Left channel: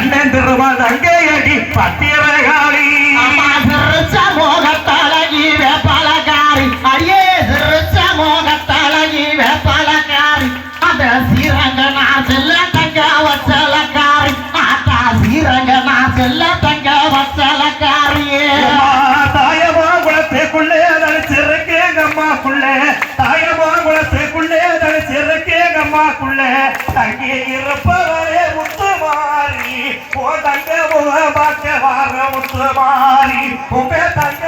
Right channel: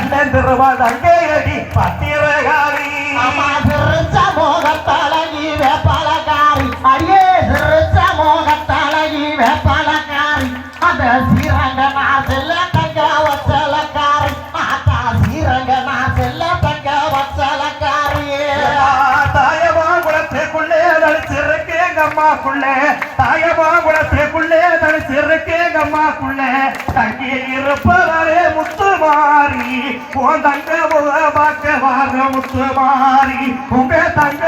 கண்டன் திருவாள் அங்கே ஏடி பத்திரகாளி மோகத்தழகி வேப்பாளக்காரி அடியே திருச்ச மோகத்தழகி வேப்பாளக்காரி அந்த சீரங்க நான் செல்ல தங்க வச்சலக்காரி. அந்த சீரங்க நான் செல்ல தங்க வச்சலக்காரியே தாயமா குளத்துக்குள்ளே தனிச்சிருக்கேங்க அம்மாக்குள்ளே தாயமா குளத்துக்குள்ளே தனிச்சிருக்கேங்க அம்மாக்குள்ளே தங்கி உன் தங்க முக பார்க்க வார முத்துமாரி உங்க தங்க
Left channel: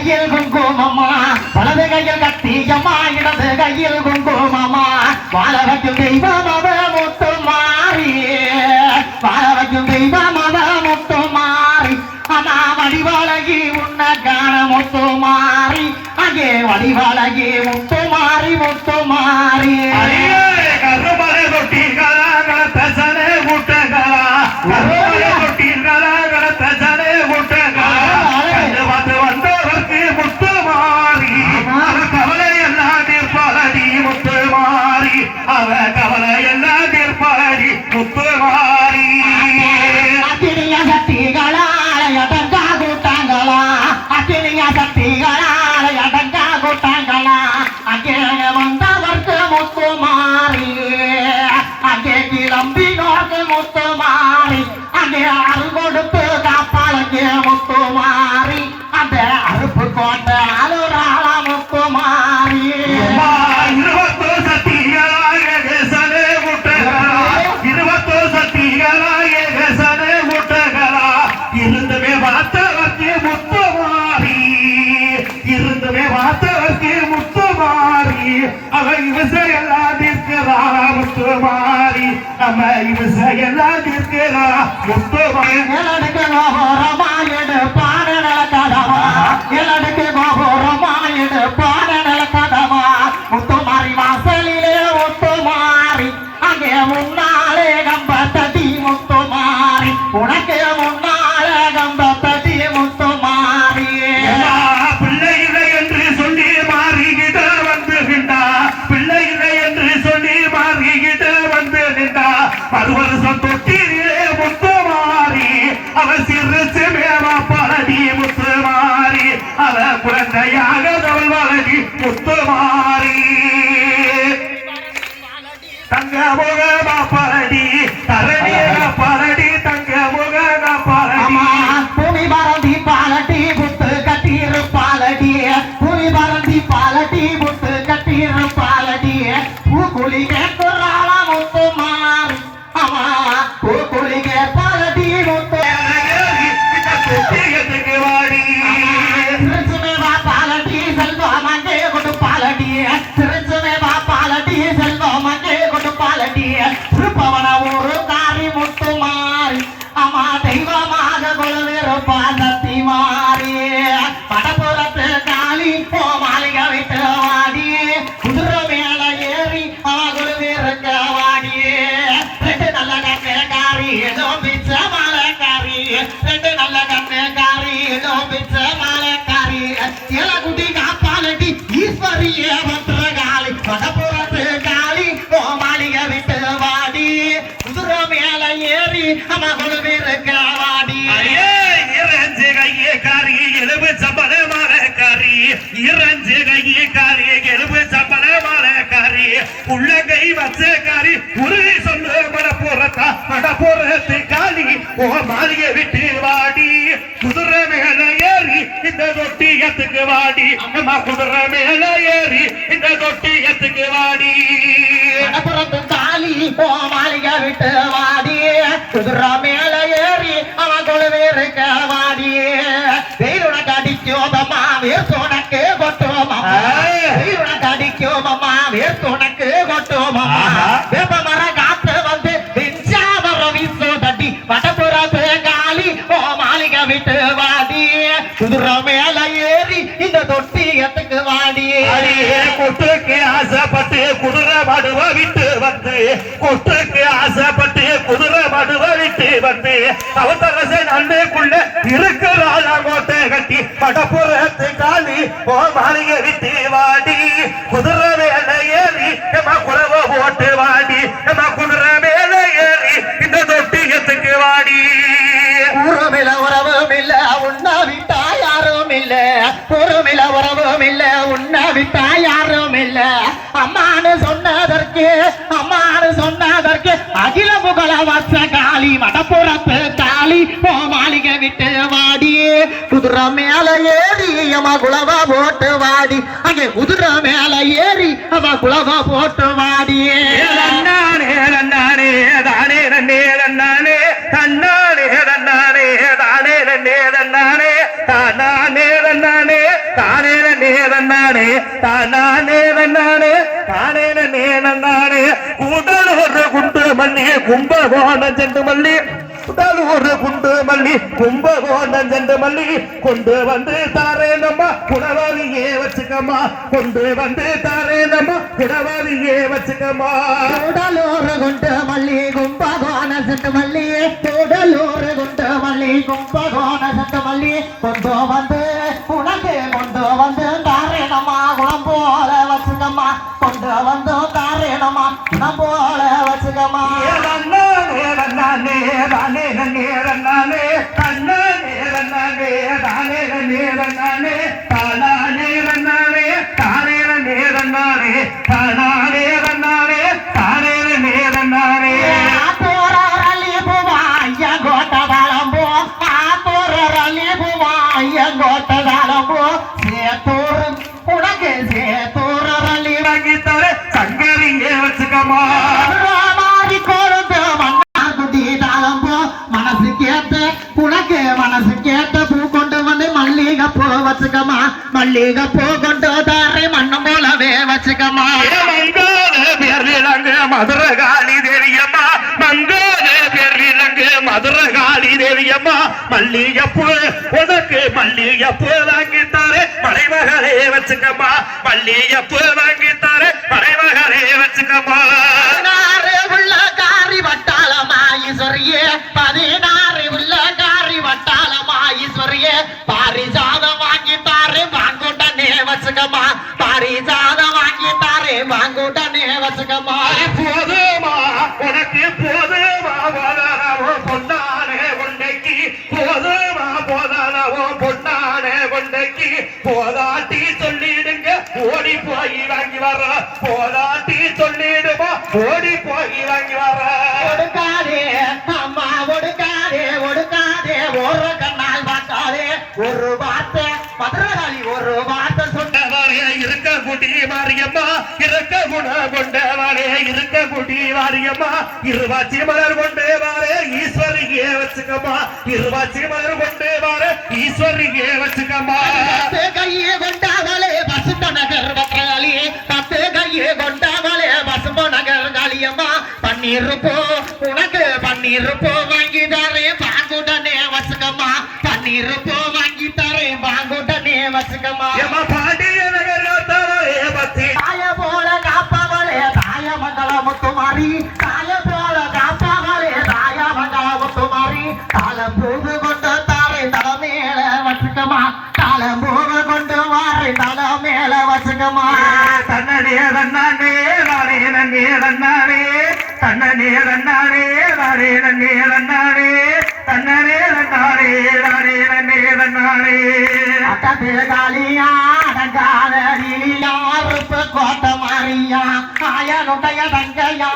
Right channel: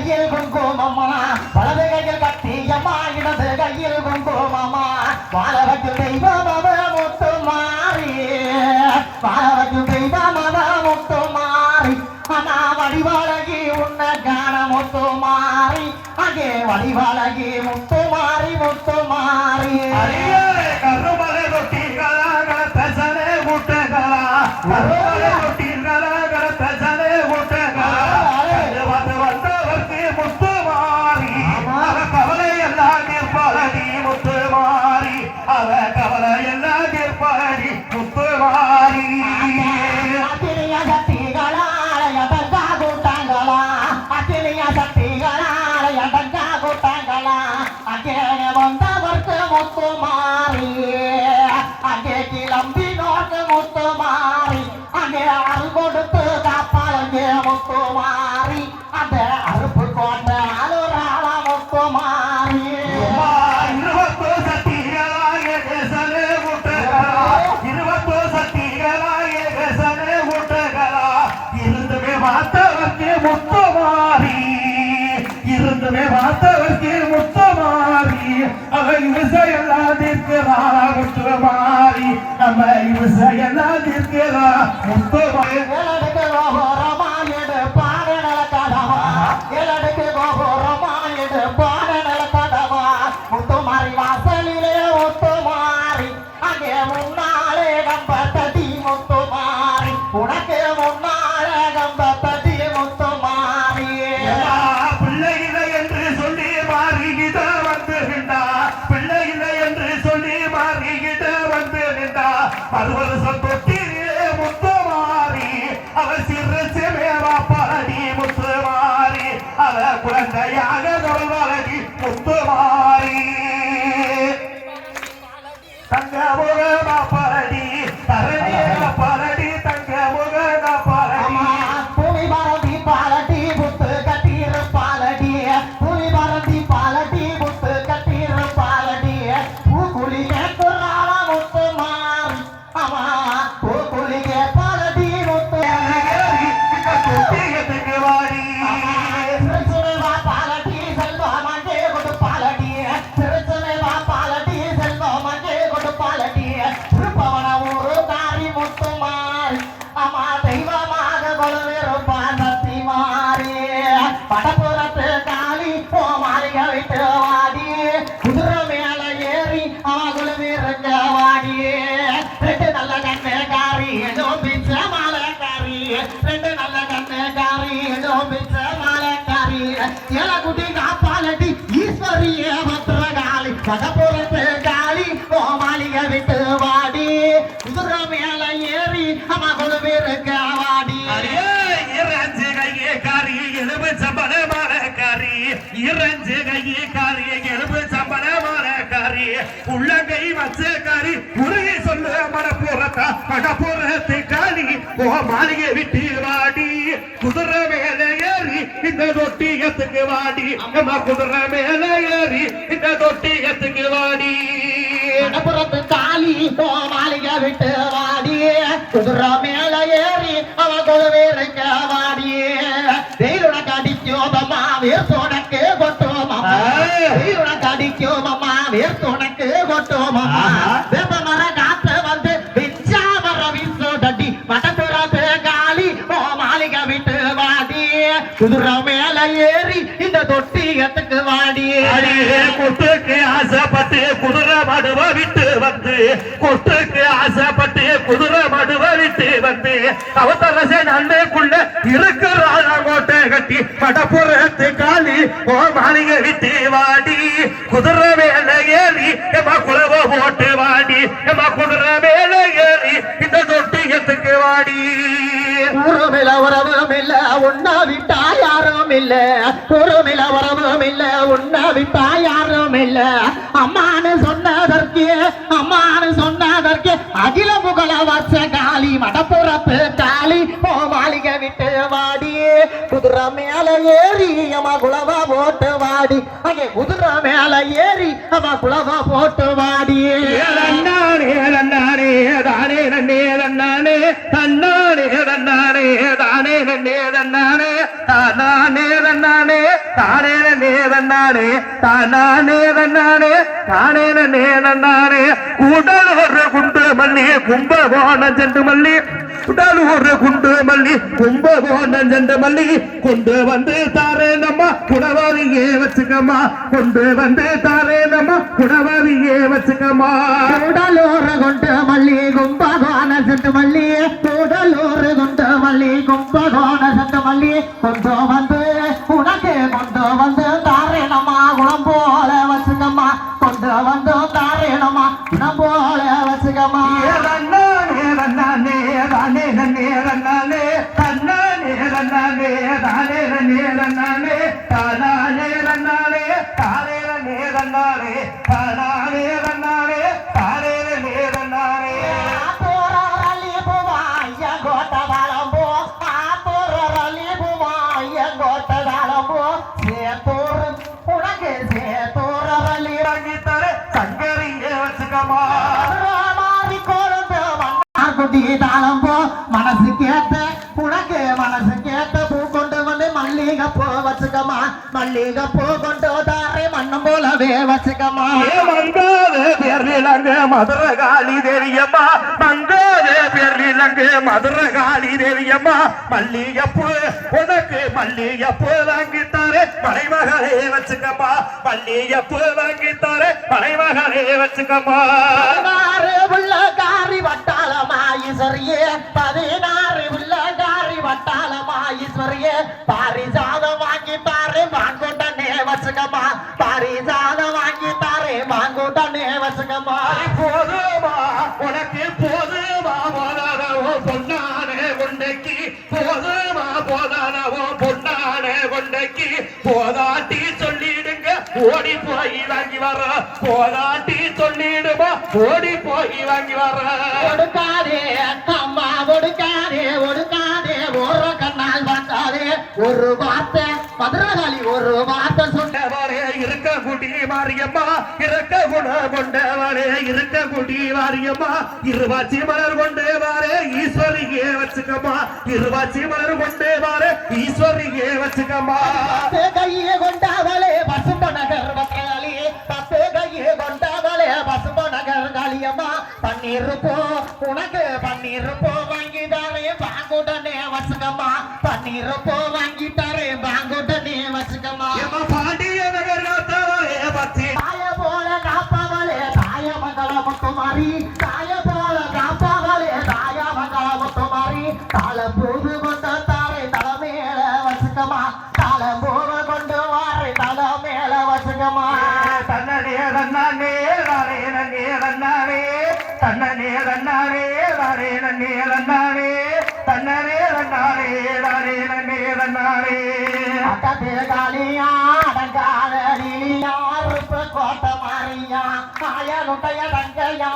இயல்பும் கால் கொடுத்து காப்பாளங்க முத்தோ நம்ம இது செயலாக இருக்கிறா. முத்தோட ஏறி அவகுல இறஞ்சு கையே காரி எலும்பு சம்பள மாலக்காரி இறஞ்சு கையே காரி எலும்பு சம்பள மாலக்காரி உள்ளங்கை வச்ச காரி உறுதி சொல்லு மடப்புறத்தா மடப்புறத்து காளி ஓ மாளிகை விட்டு வாடி. குதிரை மேல ஏறி இந்த தொட்டியத்துக்கு வாடி. குதிரை மேல ஏறி இந்த தொட்டியத்துக்கு வாடி. ஏறி இந்த தொட்டியத்துக்கு வாடி. அடியே கொட்டுக்கு ஆசைப்பட்டு குதிரை மடுவ விட்டு வந்து. கொட்டுக்கு ஆசைப்பட்டு குதிரை மடுவ விட்டு வந்து. தவத்தரச நண்டுக்குள்ள இருக்கிறாள கோட்டை கட்டி படப்புறத்து காலி ஓ மாளிகை விட்டு வாடி. குதிரை மேல ஏறி நம்ம குறவ போட்டு வாடி. நம்ம குதிரை மேல ஏறி இந்த தொட்டியத்துக்கு வாடி. ஊருமில உறவும் இல்ல உண்ணா விட்டா யாரும் இல்ல ஊருமில உறவும் இல்ல உண்ணா விட்டா யாரும் இல்ல அம்மானு சொன்னதற்கு அம்மானு சொன்னதற்கு அகில புகழ வச்ச காளி மடப்புறத்து தாலி போ மாளிகை விட்டு வாடி. குதிரை மேல ஏறி அம்மா குலவா போட்டு வாடி. அங்கே குதிரை மேல ஏறி அம்மா குலவா போட்டு வாடி. மல்லி கும்பகோணம் சென்று மல்லி உடல் ஒரு குண்டு மல்லி கும்பகோணம் சென்று மல்லி கொண்டு வந்து தாரேனம்மா குடவாரியே வச்சுக்கம்மா கொண்டு வந்து தாரேனம்மா குடவாரியே வச்சுக்கம்மா. உடல் ஒரு குண்டு மல்லி கும்பகோணம் சென்று மல்லி உடல் ஒரு குண்டு மல்லி கும்பகோணம் சென்று மல்லி கொண்டு வந்து மனசு கேட்ட பூ கொண்டு வந்து மல்லிகை பூ வச்சுக்கமா மல்லிகை பூ கொண்டு தாரை மண்ணம் போலவே வச்சுக்கமா மதுரகாளி தேவியம்மா. மங்காத பேரிலங்கு மதுரகாளி தேவியம்மா. மல்லிகைப்பூ உனக்கு மல்லிகைப்பூ வாங்கித்தாரே. மலைமகளே வச்சுக்கம்மா. மல்லிகைப்பூ வாங்கித்தாரே. மலைமகளே வச்சுக்கம்மா. பதினாறு உள்ளகாரி வட்டாளமாயீஸ்வரியே பதினாறு உள்ளகாரி வச்சுக்கம்மா பாரிஜாத வாங்கி தாரு வாங்குட்டனே வச்சுக்கம்மா போதுமா உனக்கு போதுமா போதானவோ பொன்னானே உண்டைக்கு போதுமா போதானவோ பொன்னானே உண்டைக்கு போதாட்டி சொல்லிடுங்க ஓடி போய் வாங்கி வர. போதாட்டி சொல்லிடுமா ஓடி குடி மாரியம்மா இருக்க குண கொண்டவளே இருக்க குடி மாரியம்மா. இருவாச்சி மலர் கொண்டேவாரே ஈஸ்வரியே வச்சுக்கம்மா. இருவாச்சி மலர் கொண்டேவாரே ஈஸ்வரியே வச்சுக்கம்மா. கையே கொண்டாவளே வசுந்த நகர் வக்காளி பத்து கையே கொண்டாவளே வசுந்த நகர் காளியம்மா. பன்னீர் போ உனக்கு பன்னீர் போ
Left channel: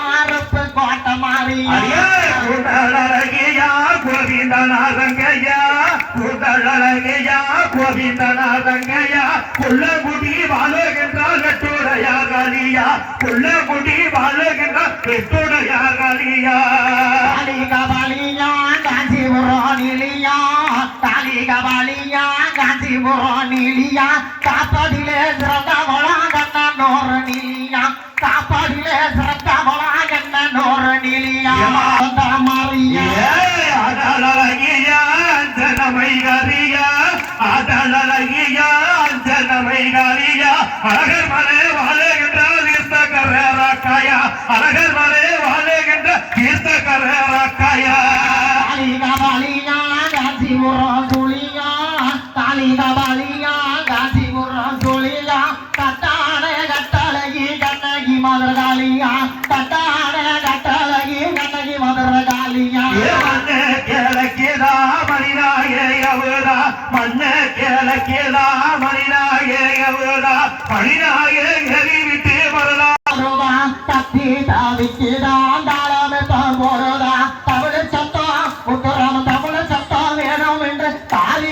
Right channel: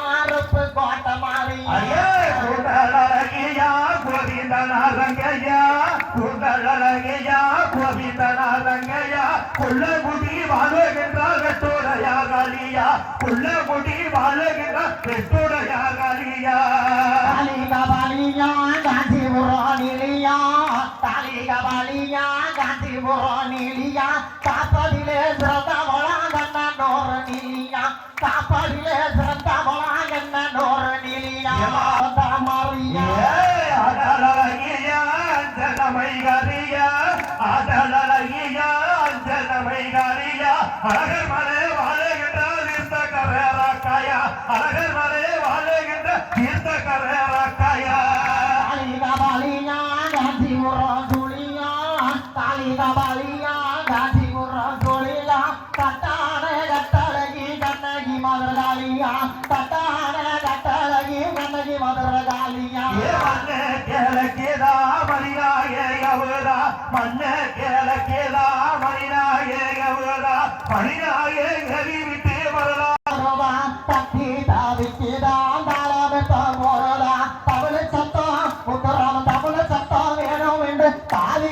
மாறுப்பு கோட்ட மாறி கூட்டழகையா கோவிந்தநாதங்கையா கூட்டழகையா கோவிந்தநாதங்கையா கொல்லகுடி வாழுகின்றால் கட்டோரையா காலியா கொல்லகுடி வாழுகின்றால் கெட்டோ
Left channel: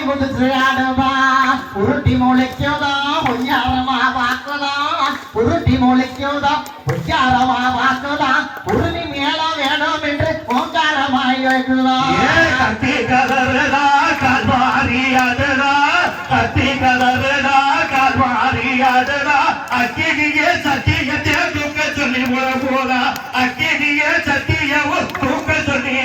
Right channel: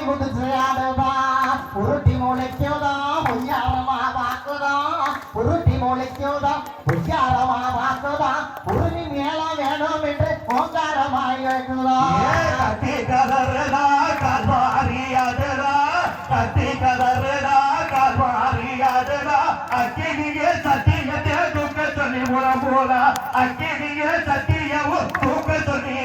முதுசு ஆடுவா உருட்டி முளைக்குதா பொய்யாரமா பார்க்குதா உருட்டி முளைக்குதா பொய்யாரமா பார்க்குதா உருவி மேல வேணும் என்று ஓங்காரமாய் வைக்குதா கத்தி கலருதா கல்வாரியாதடா கத்தி கலருதா கல்வாரியாதடா அக்கினியே சத்தியத்தை தூக்க சொல்லி உழ போறா அக்கினியே சத்தியவும் தூக்க சொல்லி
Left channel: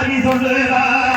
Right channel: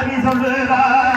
Paris en le vin.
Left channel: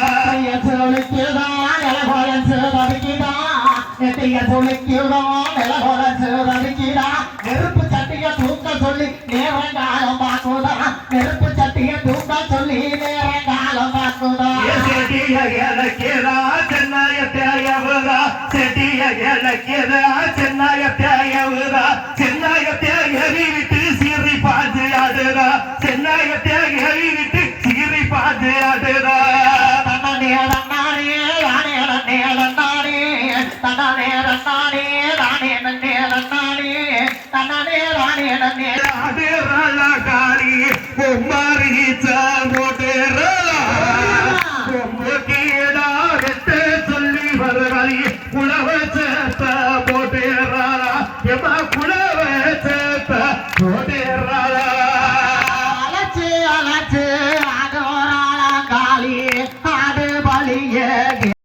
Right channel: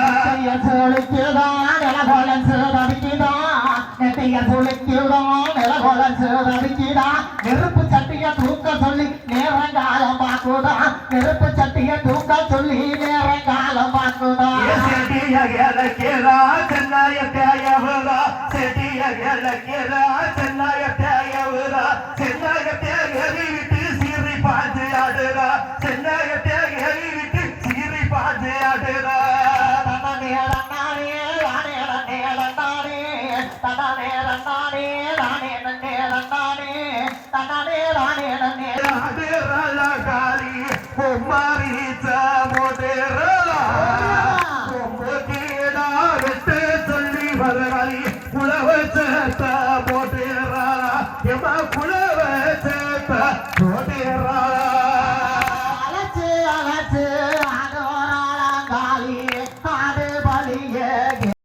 Rane Rane Rane. Rane राला गारी ओ मारीचा